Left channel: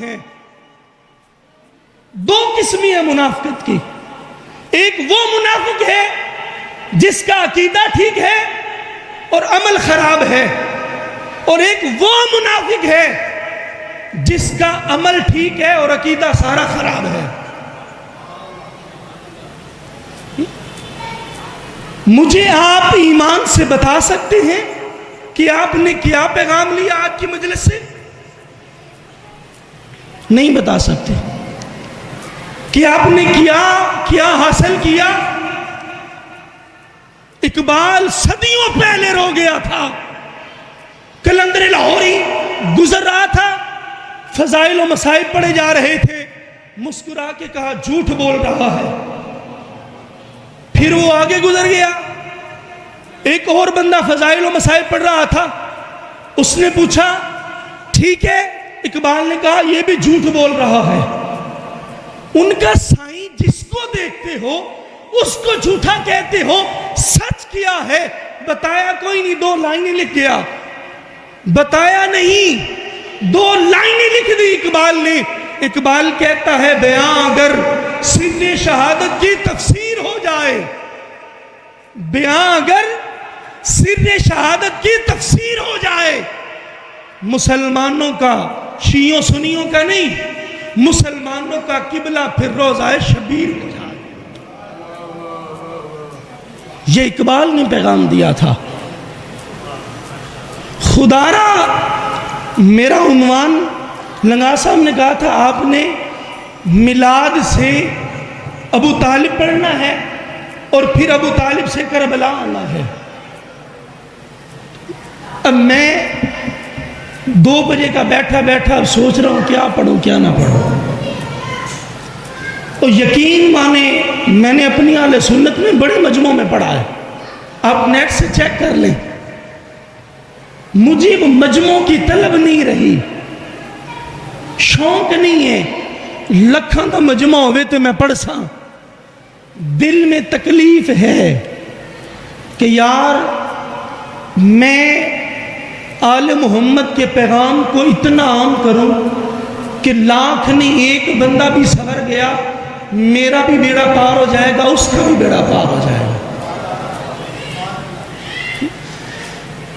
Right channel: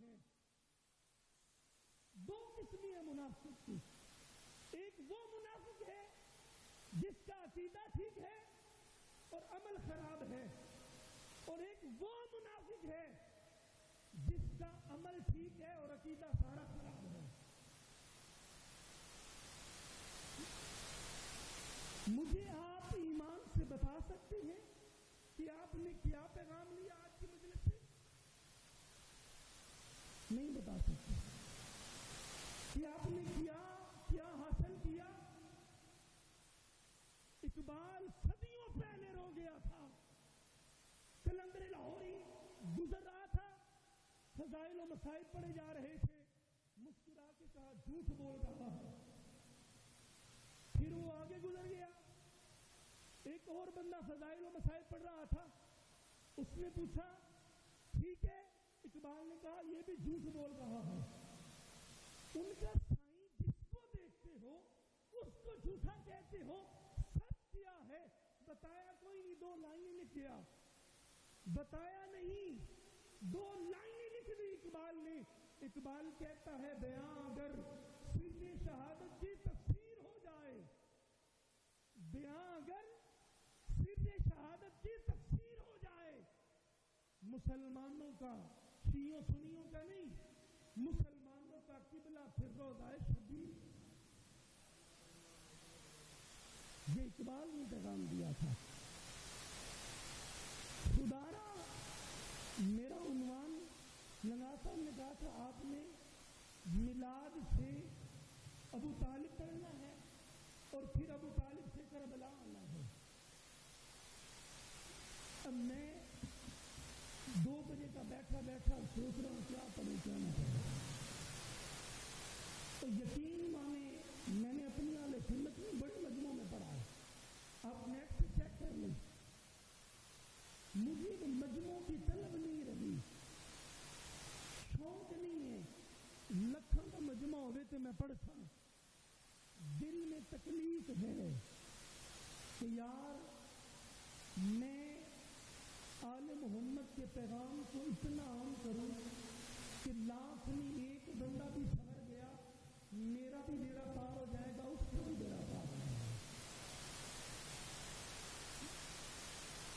ہیں. دو قسمی ہے منافقت کی. ایک وہ منافق ہے جس کا عقیدہ ٹھیک ہے اور عمل خراب ہے، اور ایک وہ منافق ہے جس کا عمل ٹھیک ہے اور عقیدہ سارا خراب ہے. مجھے آپ ایمان سے بتا سکتے ہیں کہ آپ نے کیا پیغام لیا آج کی مجلس سے؟ نہیں بتا سکتے. کہ آپ نے کیا حاصل کیا؟ اقبال صدیوں پہلے رو گیا تھا. قلندر لاہوری گزر رہا تھا، فضائل و مصائب پڑھے جا رہے تھے، مسکرا کے کہا جھوٹ بول رہا ہے. پھر وہ آگے گزر گیا. ایک اور بندہ فضائل و مصائب پڑھ رہا تھا، اس نے پوچھا ٹھیک ہے، اقبال نے کہا یہ بھی جھوٹ بول رہا ہے. ان کا سائیں جس کو دیکھتے ہو اس کو جھوٹا کہتے ہو. سچ کیا ہے بتایا کوئی نہیں، 2 لائنیں لکھ گیا. بتایا نہیں، 2 لائنیں لکھ دی اقبال نے. اقبال کہتا ہے بیاں اگر سر شہادت کی تفسیر ہو جائے، بیاں اگر سر شہادت کی تفسیر ہو جائے، مسلمانوں کا، شیعوں سنیوں کا نہیں، مسلمانوں کا قبلہ پھر روضہ شبیر ہو جائے. یہ اقبال نے پیغام دیا تھا. خدا را میرا عنوان لنگا صاحب نے کہا تھا آپ نے میلاد سے ابو طالب پڑھنا ہے اور پھر ابو طالب سے کربلا آنا ہے. اب میں 2 بجے کا بیٹھا اب سوچ رہا ہوں کیا پڑھوں کیا نہ پڑھوں. تو یقین مانے میں نے اپنی اہل سنت میں بڑے مجموعوں میں پڑھا ہے، آپ نیٹ سے چیک کر لیں. مجھے وہ مجموعوں کی طلب نہیں رہی، شوق نہیں ہے. لکھاں کا مجموعہ ہوئے تو میں پڑھ ساں. دل میں تکلیف ہے کہ یار میں آل محمد کے پیغام کو اتنا عام کروں کہ 1,00,000 نہیں 1 بندہ بھی سنور گیا، میرا بھی بیڑا پار ہو جائے گا، اس کا بھی بیڑا پار ہو جائے گا.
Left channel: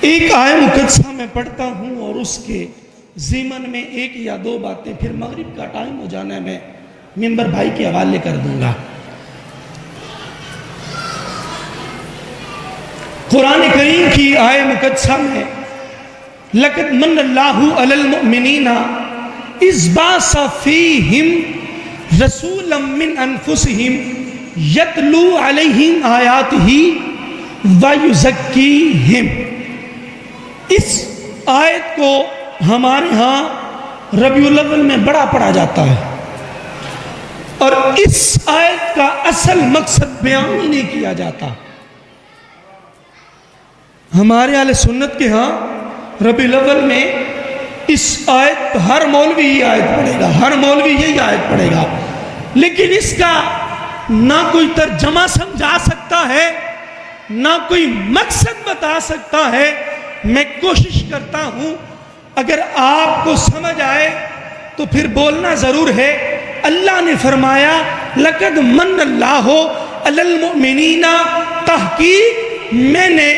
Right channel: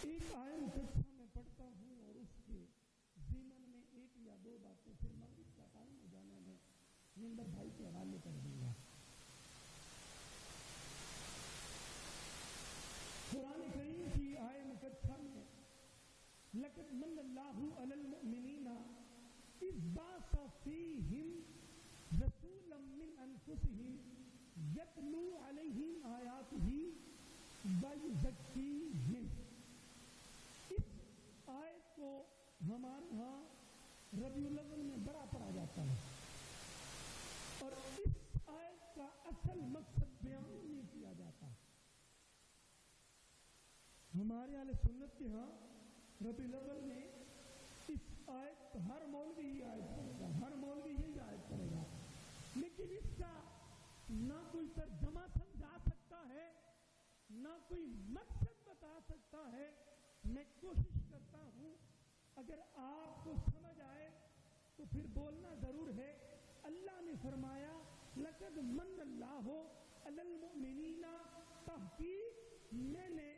ایک آیہ مقدسہ میں پڑھتا ہوں اور اس کے ضمن میں 1 یا 2 باتیں، پھر مغرب کا ٹائم ہو جانا ہے، میں ممبر بھائی کے حوالے کر دوں گا. قرآن کریم کی آیہ مقدسہ میں لَقَدْ مَنَّ اللَّهُ عَلَى الْمُؤْمِنِينَ إِذْ بَعَثَ فِيهِمْ رَسُولًا مِّنْ أَنفُسِهِمْ يَتْلُو عَلَيْهِمْ آيَاتِهِ وَيُزَكِّيهِمْ. اس آیت کو ہمارے ہاں ربیع الاول میں بڑا پڑھا جاتا ہے، اور اس آیت کا اصل مقصد بیان ہی نہیں کیا جاتا. ہمارے اہل سنت کے ہاں ربیع الاول میں اس آیت ہر مولوی یہ آیت پڑھے گا، ہر مولوی یہی آیت پڑھے گا، لیکن اس کا نہ کوئی ترجمہ سمجھا سکتا ہے، نہ کوئی مقصد بتا سکتا ہے. میں کوشش کرتا ہوں اگر آپ کو سمجھ آئے تو پھر بولنا ضرور ہے. اللہ نے فرمایا لَقَدْ مَنَّ اللَّهُ عَلَى الْمُؤْمِنِينَ، تحقیق میں نے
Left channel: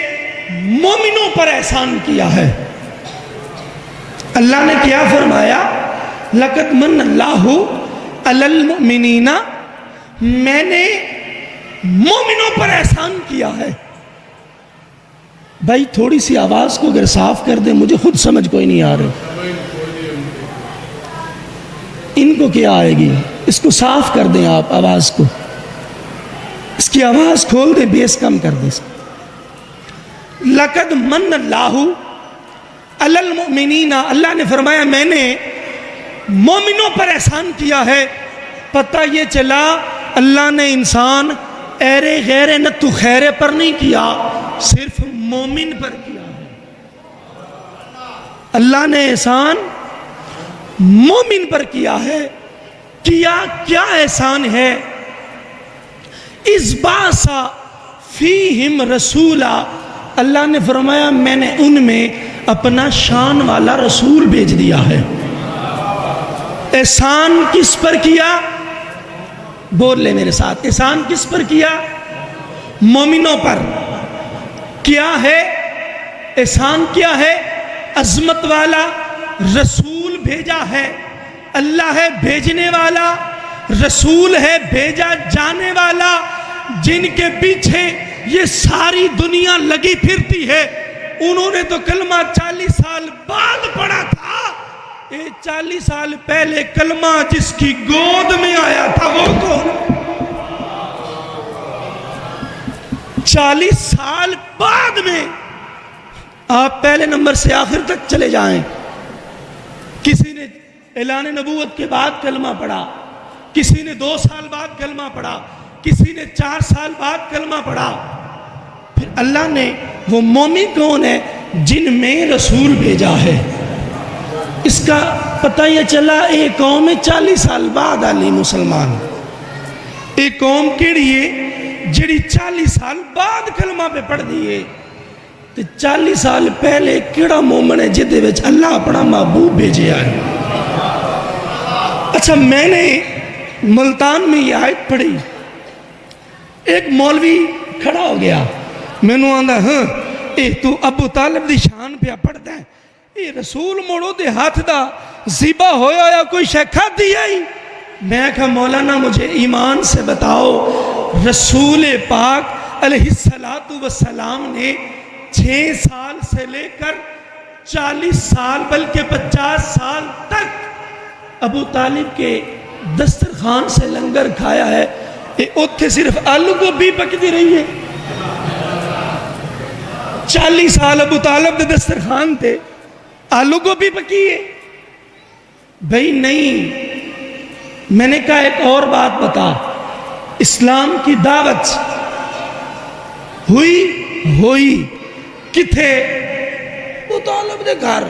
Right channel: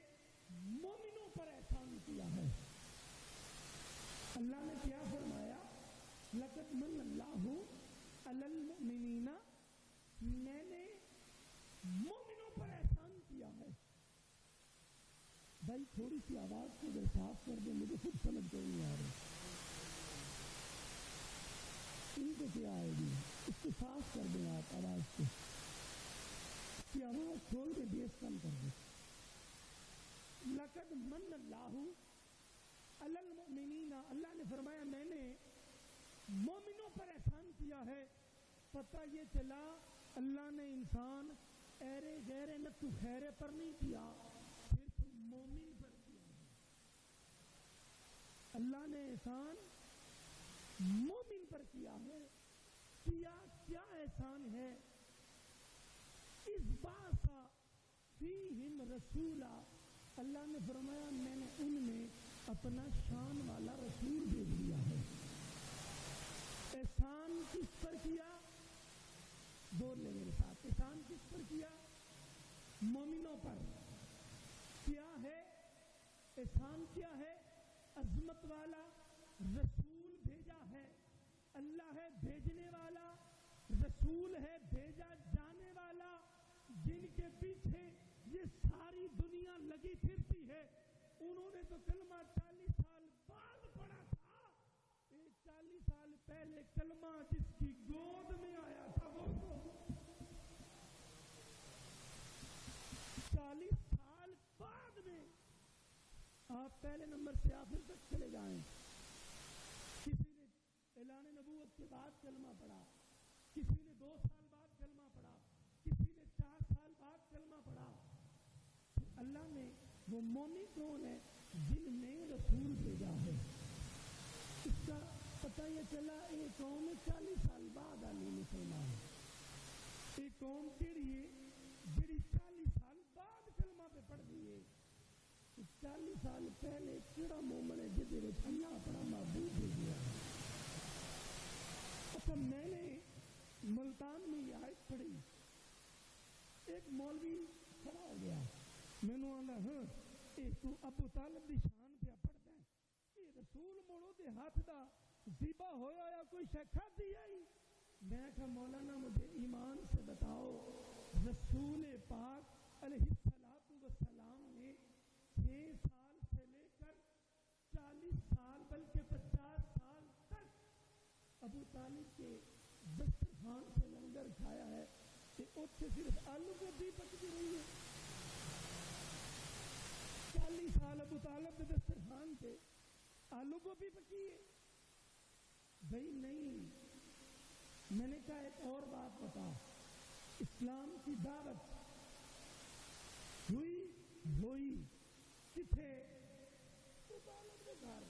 مومنوں پر احسان کیا ہے. اللہ نے کیا فرمایا؟ لَقَدْ مَنَّ اللَّهُ عَلَى الْمُؤْمِنِينَ، میں نے مومنوں پر احسان کیا ہے. بھائی تھوڑی سی آواز کو اگر صاف کر دیں، مجھے خود سمجھ کوئی نہیں آ رہا. ان کو کیا آئے گی؟ اس کو صاف کر دیں آپ آواز کو، اس کی آواز کھول دیں، بیس کم کر دیں. لَقَدْ مَنَّ اللَّهُ عَلَى الْمُؤْمِنِينَ، اللہ نے فرمایا میں نے مومنوں پر احسان کیا ہے. پتہ یہ چلا اللہ نے انسان ایرے غیرے نتو خیرے پر نہیں کیا، صرف مومن پر کیا ہے. اللہ نے احسان مومن پر کیا ہے. کیا احسان ہے؟ اِذْ بَعَثَ فِيهِمْ رَسُولًا، اللہ نے فرمایا میں نے ان میں اپنا شان والا رسول بھیج دیا ہے. احسان کس پر کیا؟ بول لے میرے ساتھ، احسان کس پر کیا؟ مومنوں پر۔ کیا ہے احسان؟ کیا ہے؟ عظمت والا رسول بھیجا ہے، اللہ ہے بھیجنے والا، رسول ہے بھیجا جانے والا، جن کے پیچھے یہ ساری دنیا لگی پھرتی ہے، انہوں نے تو کلمہ 40 سال بعد پڑھا تھا۔ 40 سال پہلے کلمہ جس کی گود میں آیا تھا وہ کون؟ 40 سال بعد میں۔ آپ پہلے نمبر سے آخر تک چلے جائیں، کسی نے اعلان نبوت کے بعد کلمہ پڑھا، کسی نے 2 سال بعد کلمہ پڑھا، کسی نے 4 سال بعد کلمہ پڑھا۔ پھر اللہ نے وہ مومن کون ہے جن میں رسول بھیجا ہے؟ اس کا پتہ یہ چلا ایک قوم 40 سال بعد علی مسلمان، ایک قوم کیڑی ہے جڑی 40 سال بعد کلمہ پہ پڑھ دیئے۔ تو 40 سال پہلے کیڑا مومن ہے جدے وچ اللہ اپنا محبوب بھیجے آئے۔ اچھا، میں نے ملتان میں یہ آیت پڑھی، ایک مولوی کھڑا ہو گیا، میں نے آندھا ہاں اے تو ابو طالب دی شان پہ پڑھتا ہے، اے رسول موڑو دے ہاتھ دا زیبہ ہویا یا کوئی شیخہ دیا ہی؟ میں کہا مولانا مجھے ایمان سے بتاؤ، رسول پاک علیہ السلام نے 6 سال سے لے کر 40 سال بلکہ 50 سال تک ابو طالب کے دسترخوان سے لنگر کھایا ہے، اتھے صرف آلو گوبھی پکتی رہی ہے۔ 40 سال ابو طالب دے دسترخوان تھے، آلو گوبھی پکی ہے؟ بھئی نہیں۔ میں نے کہا ایک اور بات بتا، اسلام کی دعوت ہوئی کتھے؟ ابو طالب دے گھر۔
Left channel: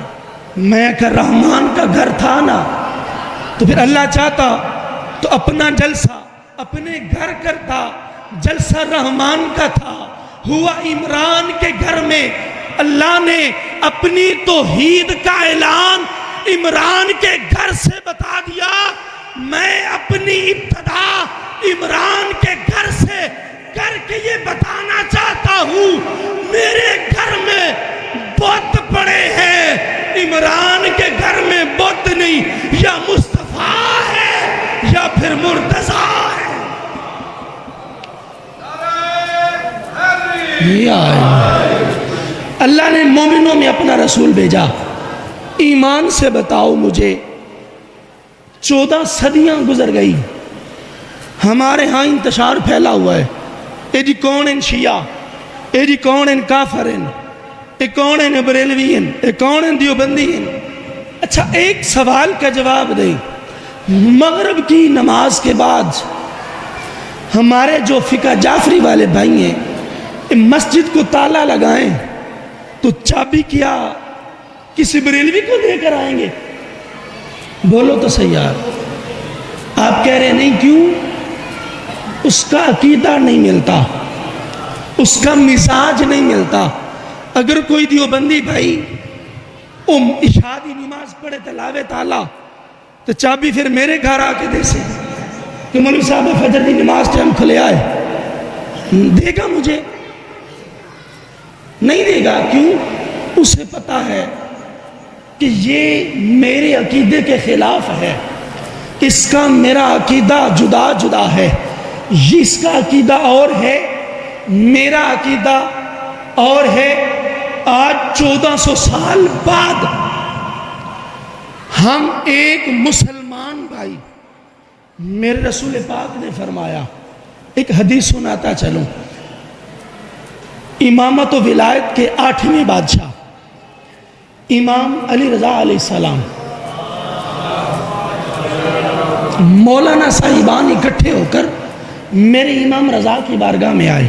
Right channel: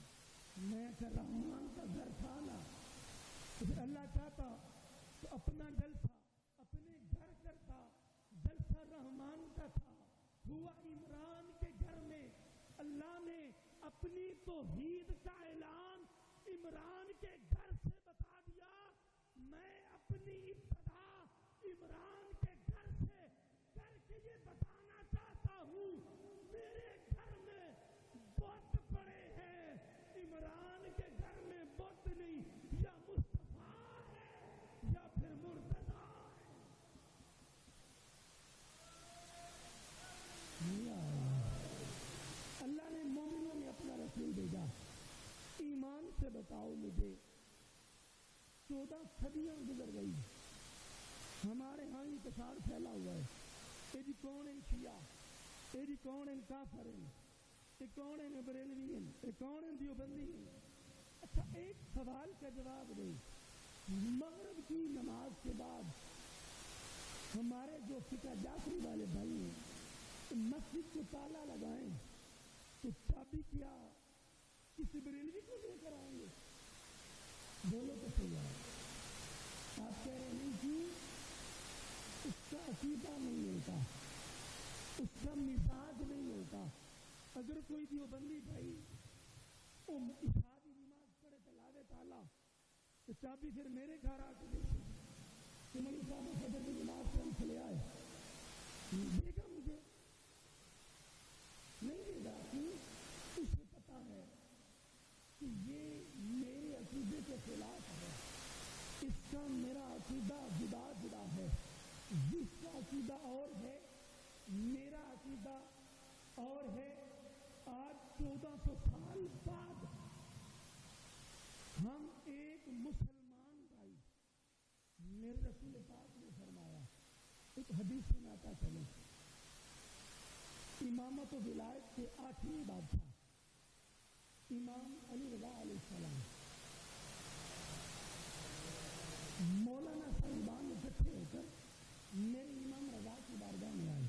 میں کہا رحمان کا گھر تھا نا، تو پھر اللہ چاہتا تو اپنا جلسہ اپنے گھر کرتا، جلسہ رحمان کا تھا، ہوا عمران کے گھر میں۔ اللہ نے اپنی توحید کا اعلان عمران کے گھر سے بتا دیا۔ میں اپنی ابتدا عمران کے گھر سے کر کے یہ بتانا چاہتا ہوں، میرے گھر میں بت پڑے ہیں، عمران کے گھر میں بت نہیں، یا مصطفیٰ ہے یا پھر مرتضیٰ ہے۔ یہ آئے اللہ نے مومنوں میں اپنا رسول بھیجا۔ ایمان سے بتاؤ مجھے، 14 صدیاں گزر گئی، ہمارے ہاں انتشار پھیلا ہوا ہے، اے جی کون ان شیعہ، اے جی کون ان کافر ان، اے کون ان بریلوی ان، اے کون ان دیوبندی ان۔ اچھا ایک سوال کا جواب دیں، مغرب کی نماز کے بعد ہمارے جو فقہ جعفری والے بھائی ہیں مسجد کو تالا لگائیں تو چابی کیا کسی بریلوی کو دے کر آئیں گے؟ بولو تو صحیح یار۔ آپ کہہ رہے نہیں، کیوں؟ اس کا عقیدہ نہیں ملتا، اس کا مزاج نہیں ملتا۔ اگر کوئی دیوبندی بھائی عشاء دی نماز پڑھے تلاوے تالا تو چابی پھر میرے گھر آ کے دے سے کہ مولوی صاحب فجر دی نماز ٹائم کھلے آئے، دے گا مجھے؟ نہیں دے گا۔ کیوں؟ اسے پتا ہے کہ یہ میرے عقیدے کے خلاف ہے، اس کا میرا عقیدہ جدا جدا ہے، اس کا عقیدہ اور ہے، میرا عقیدہ اور ہے۔ آج 1400 سال بعد ہم ایک مسلمان بھائی، میرے رسول پاک نے فرمایا، ایک حدیث سناتا چلوں، امامت و ولایت کے 8ویں بادشاہ امام علی رضا علیہ السلام مولانا صاحبان اکٹھے ہو کر میرے امام رضا کی بارگاہ میں آئے،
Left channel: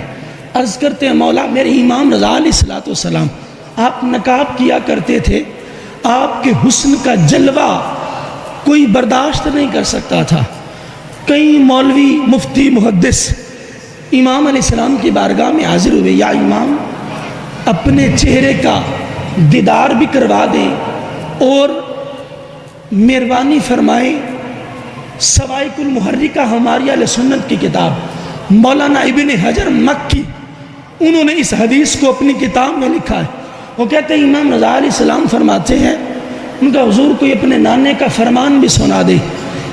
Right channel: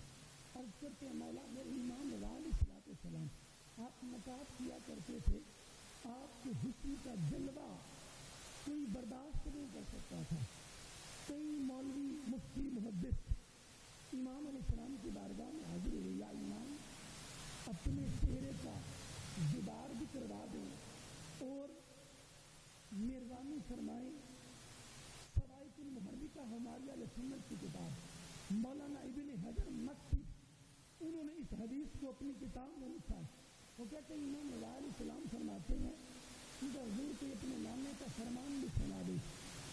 عرض کرتے ہیں مولا میرے امام رضا علیہ السلام، آپ نقاب کیا کرتے تھے، آپ کے حسن کا جلوہ کوئی برداشت نہیں کر سکتا تھا۔ کئی مولوی مفتی محدث امام علیہ السلام کی بارگاہ میں حاضر ہوئے، یا امام اپنے چہرے کا دیدار بھی کروا دیں اور مہربانی فرمائیں سوائق المحرکہ ہماری اہل سنت کی کتاب، مولانا ابن حجر مکی، انہوں نے اس حدیث کو اپنی کتاب میں لکھا ہے۔ وہ کہتے ہیں امام رضا علیہ السلام فرماتے ہیں، ان کا حضور کوئی اپنے نانے کا فرمان بھی سنا دے۔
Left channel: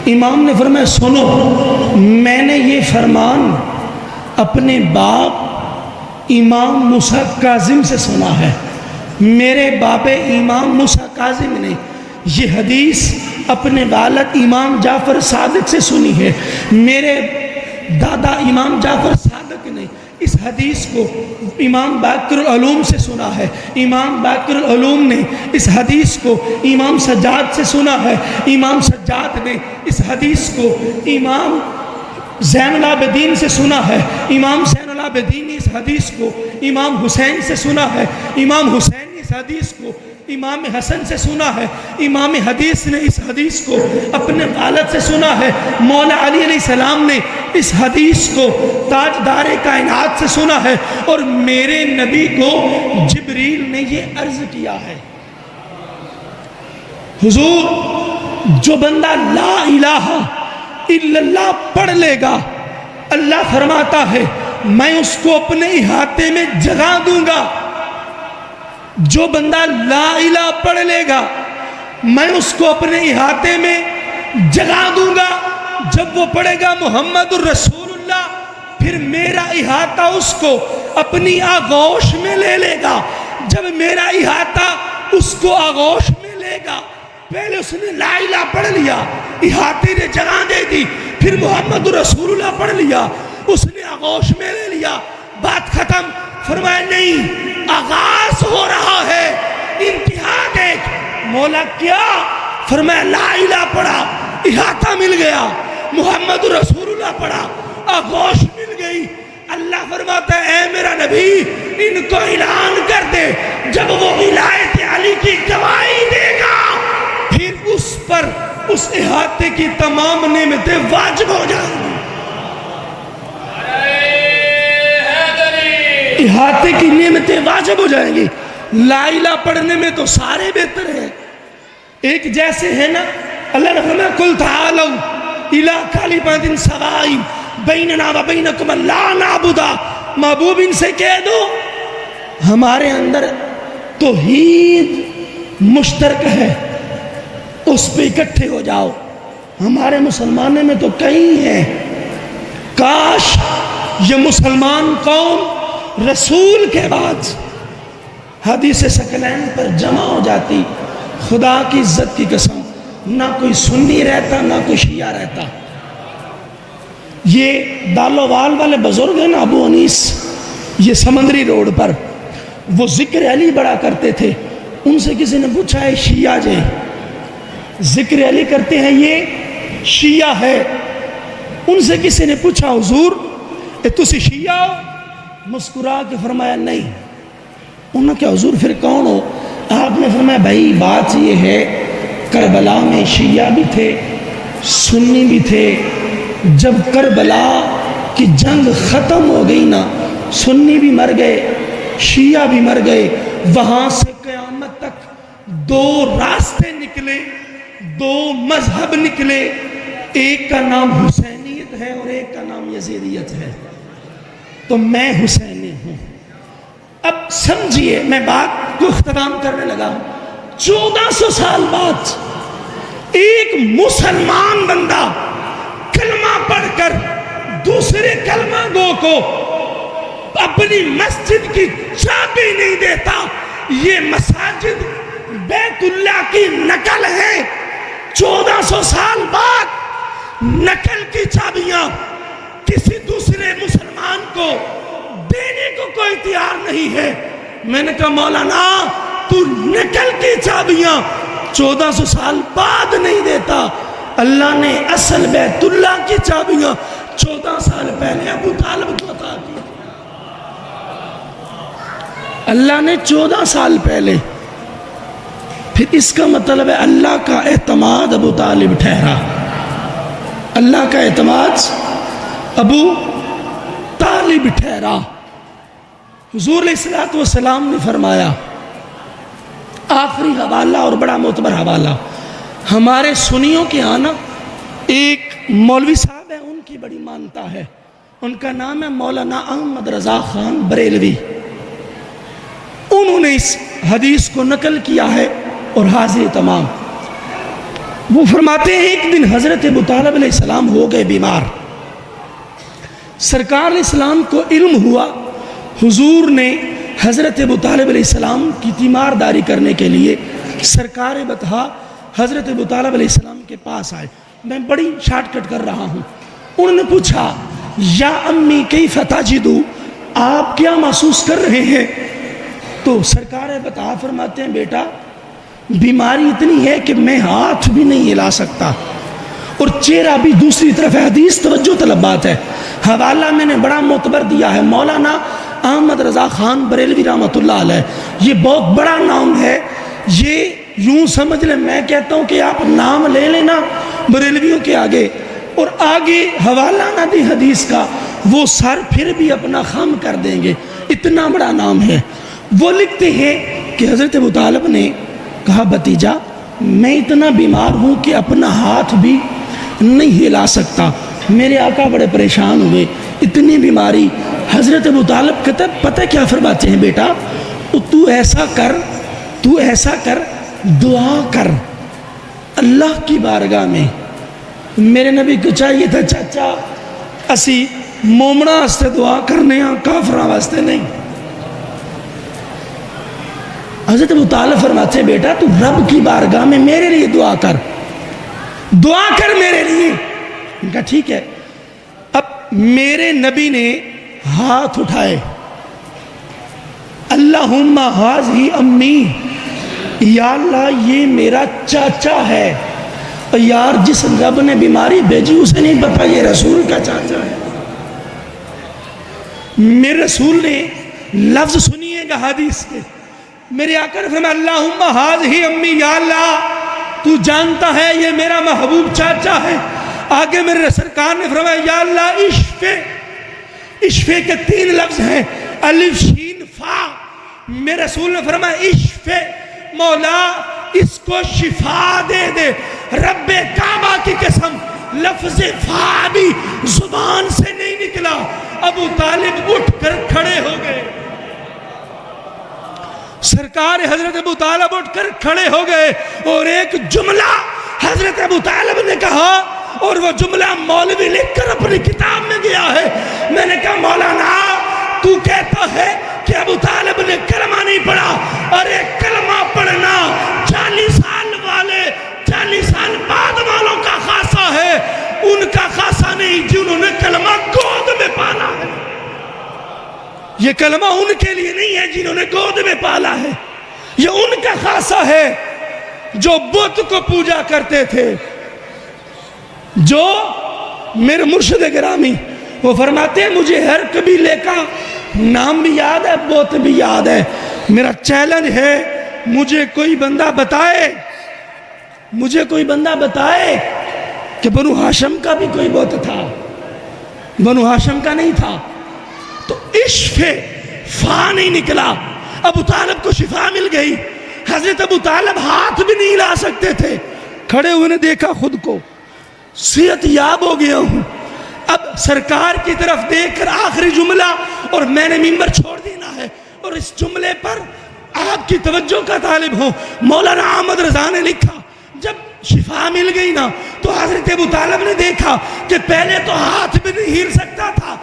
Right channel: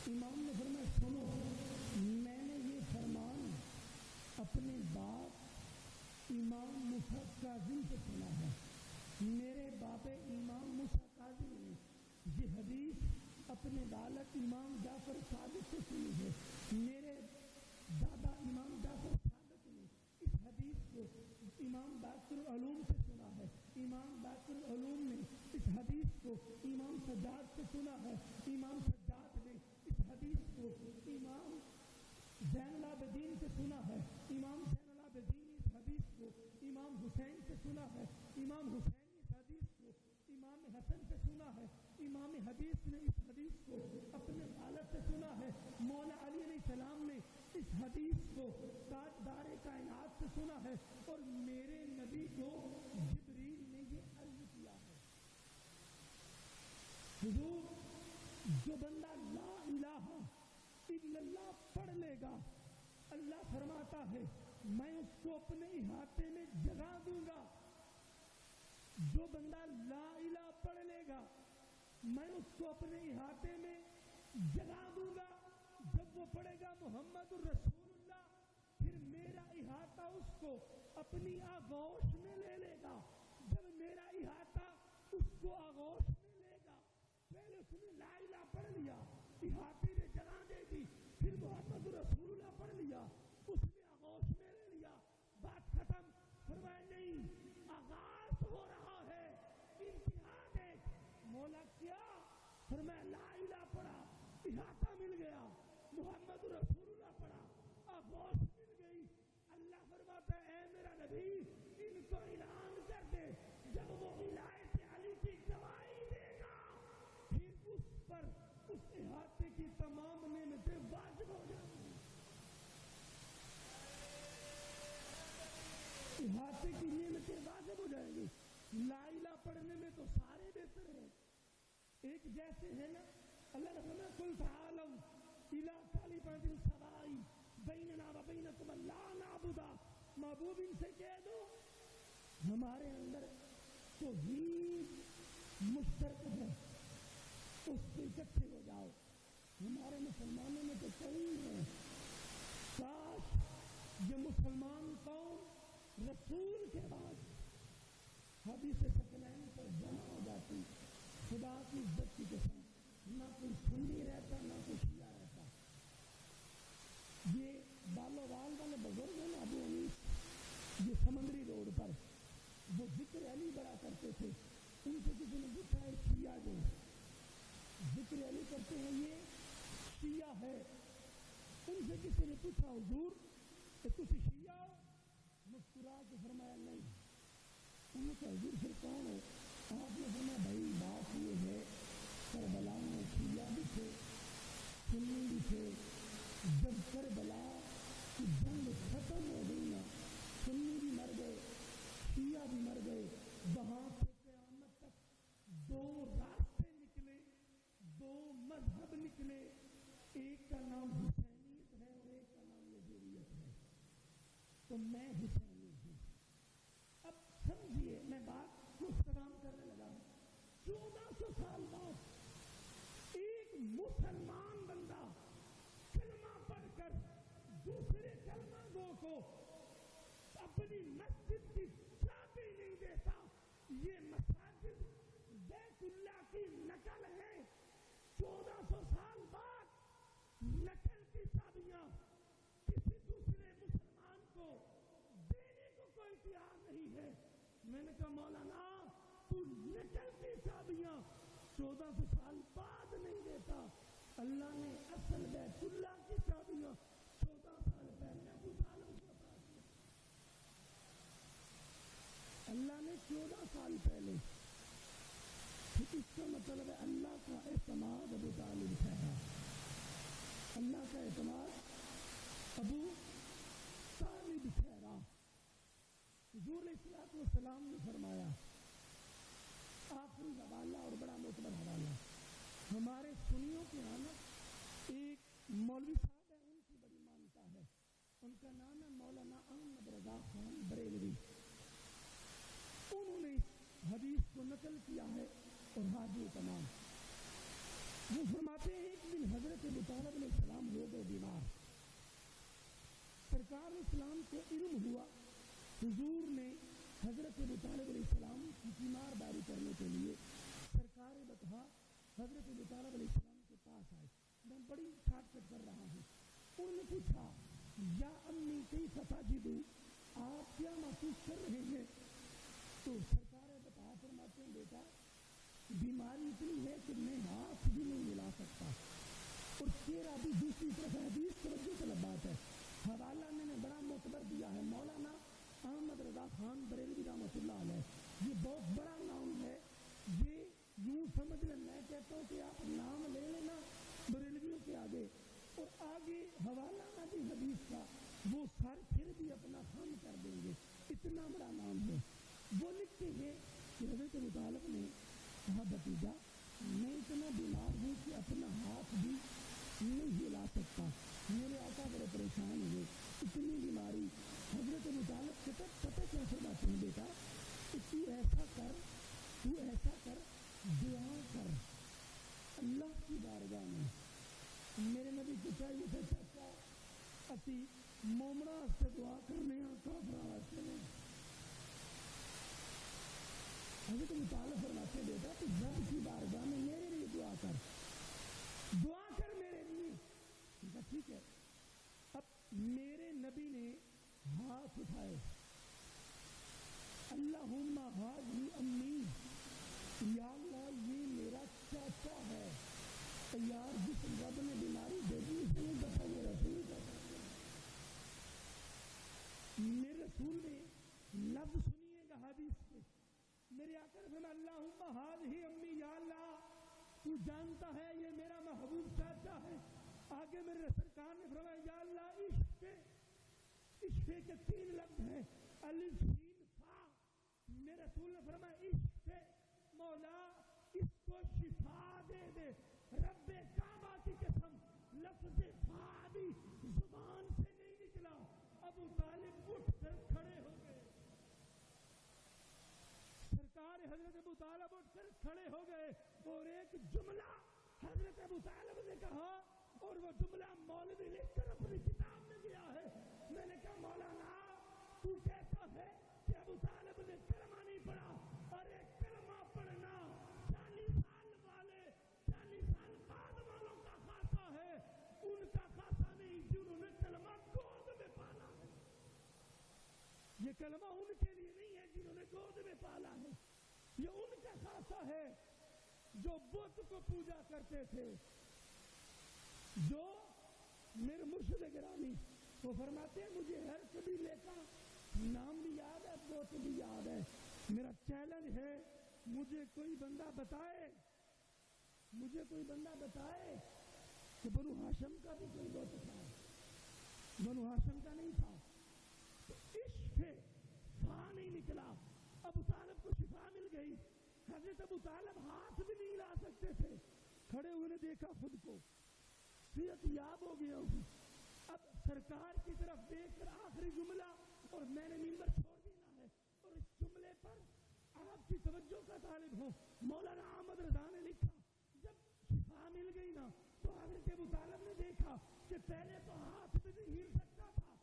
امام نے فرمایا سنو، میں نے یہ فرمان اپنے باپ امام موسیٰ کاظم سے سنا ہے، میرے باپ امام موسیٰ کاظم نے یہ حدیث اپنے والد امام جعفر صادق سے سنی ہے، میرے دادا امام جعفر صادق نے اس حدیث کو امام باقر العلوم سے سنا ہے، امام باقر العلوم نے اس حدیث کو امام سجاد سے سنا ہے، امام سجاد نے اس حدیث کو امام زین العابدین سے سنا ہے، امام زین العابدین نے اس حدیث کو امام حسین سے سنا ہے، امام حسین نے اس حدیث کو امام حسن سے سنا ہے، امام حدیث نے اس حدیث کو اپنے والد سے سنا ہے، مولا علی علیہ السلام نے اس حدیث کو تاجدار کائنات سے سنا ہے، اور میرے نبی کو جبریل نے یہ عرض کیا ہے، حضور جو بندہ لا الہ الا اللہ پڑھ لے گا، اللہ فرماتا ہے میں اس کو اپنے احاطے میں جگہ دوں گا۔ جو بندہ لا الہ پڑھ لے گا میں اس کو اپنے احاطے میں جگہ دوں گا۔ جب وہ پڑھے گا محمد الرسول اللہ، پھر میرا احاطہ اس کو اپنی آغوش میں لے لے گا۔ جب میرا احاطہ اس کو آغوش میں لے گا، پہلے اس نے لا الہ پڑھ لیا، احاطے نے جگہ دے دی، پھر محمد رسول اللہ پڑھ لیا، اس نے آغوش میں لے لیا، بات ختم۔ فرمایا نہیں، آغاز ہو رہا ہے، انتہا دیکھ۔ مولا کیا؟ فرمایا لا الہ پڑھا، احاطہ مل گیا، محمد رسول اللہ پڑھا، آغوش مل گئی۔ اللہ فرماتا ہے اے میرا نبی ان کو اعلان کر دے، جب وہ ولایت علی کی گواہی دے گا پھر اس پر اس احاطے کی تمام نعمتیں واجب ہو جائیں گی۔ احاطے کی نعمتیں واجب ہو جائیں گی۔ لا الہ پڑھنے میں تو سارے بہتر ہیں، ایک جیسے ہیں نا۔ اللہ نے فرمایا قل تعالوا الی کلمۃ سواء بیننا و بینکم لا نعبد، محبوب ان سے کہہ دو ہمارے اندر توحید مشترک ہے، اس پہ اکٹھے ہو جاؤ۔ ہمارے مسلمانوں میں تو کئی ہیں، کاش یہ مسلمان قوم رسول کے بعد حدیث ثقلین پر جمع ہو جاتی، خدا کی عزت کی قسم نہ کوئی سنی رہتا نہ کوئی شیعہ رہتا۔ یہ دالووال والے بزرگ ہیں نا ابو انیس، یہ سمندری روڈ پر، وہ ذکر علی بڑا کرتے تھے۔ ان سے کسی نے پوچھا ہے شیعہ جے ذکر علی کرتے ہیں یہ شیعہ ہے؟ ان سے کسی نے پوچھا حضور تسی شیعہ ہو؟ مسکرا کے فرمایا نہیں۔ انہوں نے کہا حضور پھر کون ہو؟ آپ نے فرمایا بھائی بات یہ ہے کربلا میں شیعہ بھی تھے سنی بھی تھے، جب کربلا کی جنگ ختم ہو گئی نا، سنی بھی مر گئے شیعہ بھی مر گئے، وہاں سے قیامت تک دو راستے نکلے، دو مذہب نکلے، ایک کا نام حسینیت ہے اور ایک کا نام یزیدیت ہے۔ تو میں حسینی ہوں۔ اب سمجھئے میں بات کو اختتام کرنے لگا ہوں۔ 1400 سال بعد ایک مسلمان بندہ کلمہ پڑھ کر دوسرے کلمہ گو کو اپنی مسجد کی چابی نہیں دیتا۔ یہ مساجد بیت اللہ کی نقل ہے۔ 1400 سال بعد نقل کی چابیاں کسی دوسرے مسلمان کو دینے کو کوئی تیار نہیں ہے۔ میں نے کہا مولانا تو نقل کی چابیاں 1400 سال بعد نہیں دیتا، اللہ نے اصل بیت اللہ کی چابیاں 14 سال پہلے ابو طالب کو عطا کی۔ اللہ نے 14 سال پہلے، پھر اس کا مطلب ہے اللہ کا اعتماد ابو طالب ٹھہرا، اللہ کا اعتماد ابو طالب ٹھہرا۔ حضور علیہ السلام نے فرمایا، آخری حوالہ اور بڑا معتبر حوالہ، ہمارے سنیوں کے آنا ایک مولوی صاحب ہے، ان کی بڑی مانتا ہے، ان کا نام ہے مولانا احمد رضا خان بریلوی. انہوں نے اس حدیث کو نقل کیا ہے اور حاضر تمام. وہ فرماتے ہیں ایک دن حضرت ابو طالب علیہ السلام ہو گئے بیمار. سرکار علیہ السلام کو علم ہوا، حضور نے حضرت ابو طالب علیہ السلام کی تیمارداری کرنے کے لیے سرکار بطحا حضرت ابو طالب علیہ السلام کے پاس آئے. میں بڑی شارٹ کٹ کر رہا ہوں. انہوں نے پوچھا یا امی کیف تجدو، آپ کیا محسوس کر رہے ہیں؟ تو سرکار بطحا فرماتے ہیں بیٹا بیماری اتنی ہے کہ میں ہاتھ بھی نہیں ہلا سکتا اور چہرہ بھی دوسری طرف ہے. حدیث توجہ طلب بات ہے. حوالہ میں نے بڑا معتبر دیا ہے، مولانا احمد رضا خان بریلوی رحمۃ اللہ علیہ. یہ بہت بڑا نام ہے. یہ یوں سمجھ لیں، میں کہتا ہوں کہ آپ نام لے لینا بریلویوں کے آگے اور آگے حوالہ نہ دی حدیث کا، وہ سر پھر بھی اپنا خم کر دیں گے، اتنا بڑا نام ہے. وہ لکھتے ہیں کہ حضرت ابو طالب نے کہا بھتیجا میں اتنا بیمار ہوں کہ اپنا ہاتھ بھی نہیں ہلا سکتا. میرے آقا بڑے پریشان ہوئے، اتنی بیماری. حضرت ابو طالب کہتا ہے پتہ کیا فرماتے ہیں بیٹا، تو ایسا کر دعا کر اللہ کی بارگاہ میں. میرے نبی کو چاہیے تھا چاچا اسی مومنا واسطے دعا کرنے ہاں، کافراں واسطے نہیں. حضرت ابو طالب فرماتے ہیں بیٹا تو رب کی بارگاہ میں میرے لیے دعا کر میرے لیے. ان کا ٹھیک ہے. اب میرے نبی نے ہاتھ اٹھائے، اللہم ہاذی امی، یا اللہ یہ میرا چاچا ہے. یار جس رب نے بیماری بھیجی اسے نہیں پتا یہ رسول کا چاچا ہے. میرے رسول نے لفظ سنیے گا حدیث کے، میرے آقا نے فرمایا اللہم ہاذی امی، یا اللہ تو جانتا ہے یہ میرا محبوب چاچا ہے. آگے میرے سرکار نے فرمایا یا اللہ اشفے کے 3 لفظ ہیں، الف شین فا. میرے رسول نے فرمایا اشفے، مولا اس کو شفا دے دے. رب کعبہ کی قسم لفظ فا بھی زبان سے نہیں نکلا. ابو طالب اٹھ کر کھڑے ہو گئے. سرکار حضرت ابو طالب اٹھ کر کھڑے ہو گئے اور ایک جملہ حضرت ابو طالب نے کہا اور وہ جملہ مولوی لکھ کر اپنی کتاب میں گیا ہے. میں نے کہا مولانا تو کہتا ہے کہ ابو طالب نے کلمہ نہیں پڑھا، اور ایک کلمہ پڑھنا 40 سال بعد والوں کا خاصہ ہے، ان کا خاصہ نہیں جنہوں نے کلمہ گود میں پالا ہے. یہ کلمہ ان کے لیے نہیں ہے جنہوں نے گود میں پالا ہے، یہ ان کا خاصہ ہے جو بت کو پوجا کرتے تھے. جو میرے مرشد گرامی وہ فرماتے ہیں مجھے ہر قبیلے کا نام بھی یاد ہے، بت بھی یاد ہے. میرا چیلنج ہے مجھے کوئی بندہ بتائے کہ بنو ہاشم کا بھی کوئی بت تھا. بنو ہاشم کا نہیں تھا. تو اشفے فا نہیں نکلا. ابو طالب کو شفا مل گئی. حضرت ابو طالب ہاتھ بھی نہیں لا سکتے تھے. کھڑے ہوئے نے دیکھا خود کو صحت یاب ہو گیا ہوں. اب سرکار کی طرف دیکھ کر آخری جملہ، اور میں نے ممبر چھوڑ دینا ہے اور اس جملے پر آپ کی توجہ کا طالب ہوں. مولانا احمد رضا نے لکھا جب شفا مل گئی نا تو حضرت ابو طالب نے دیکھا کہ پہلے تو ہاتھ بھی نہیں ہل سکتا تھا،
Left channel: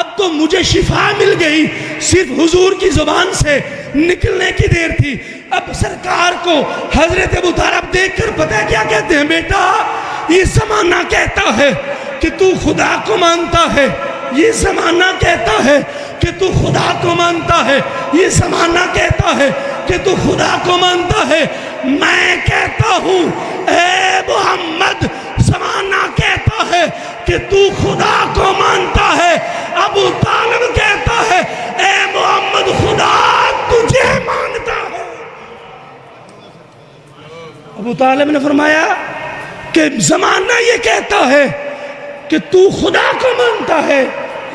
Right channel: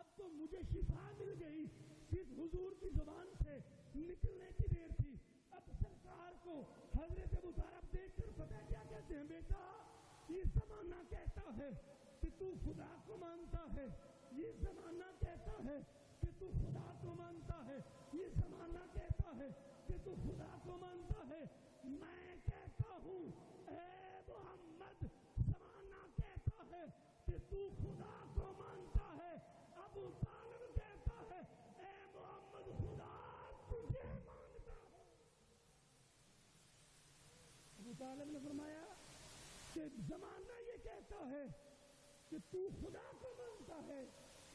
اب تو مجھے شفا مل گئی، صرف حضور کی زبان سے نکلنے کی دیر تھی. اب سرکار کو حضرت ابو طالب دیکھ کر پتہ کیا کہتے ہیں، بیٹا یہ زمانہ کہتا ہے کہ تو خدا کو مانتا ہے، یہ زمانہ کہتا ہے کہ تو خدا کو مانتا ہے، یہ زمانہ کہتا ہے کہ تو خدا کو مانتا ہے. میں کہتا ہوں اے محمد زمانہ کہتا ہے کہ تو خدا کو مانتا ہے. ابو طالب کہتا ہے اے محمد خدا تجھے مانتا ہے. ابو طالب نے فرمایا کہ زمانہ یہ کہتا ہے کہ تو خدا کو مانتا ہے،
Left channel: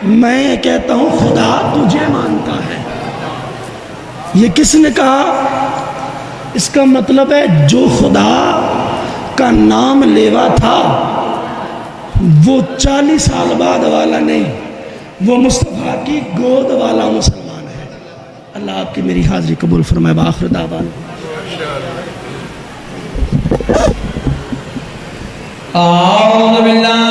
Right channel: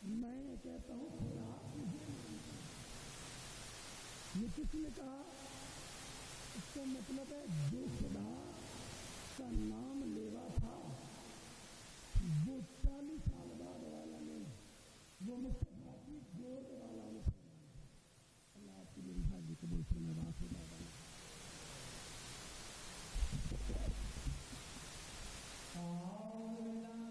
میں کہتا ہوں خدا تجھے مانتا ہے. یہ کس نے کہا؟ اس کا مطلب ہے جو خدا کا نام لیوا تھا وہ 40 سال بعد والا نہیں، وہ مصطفیٰ کی گود والا مسلمان ہے۔ اللہ آپ کی میری حاضری قبول فرمائے۔ بآخر دعوانا اعوذ باللہ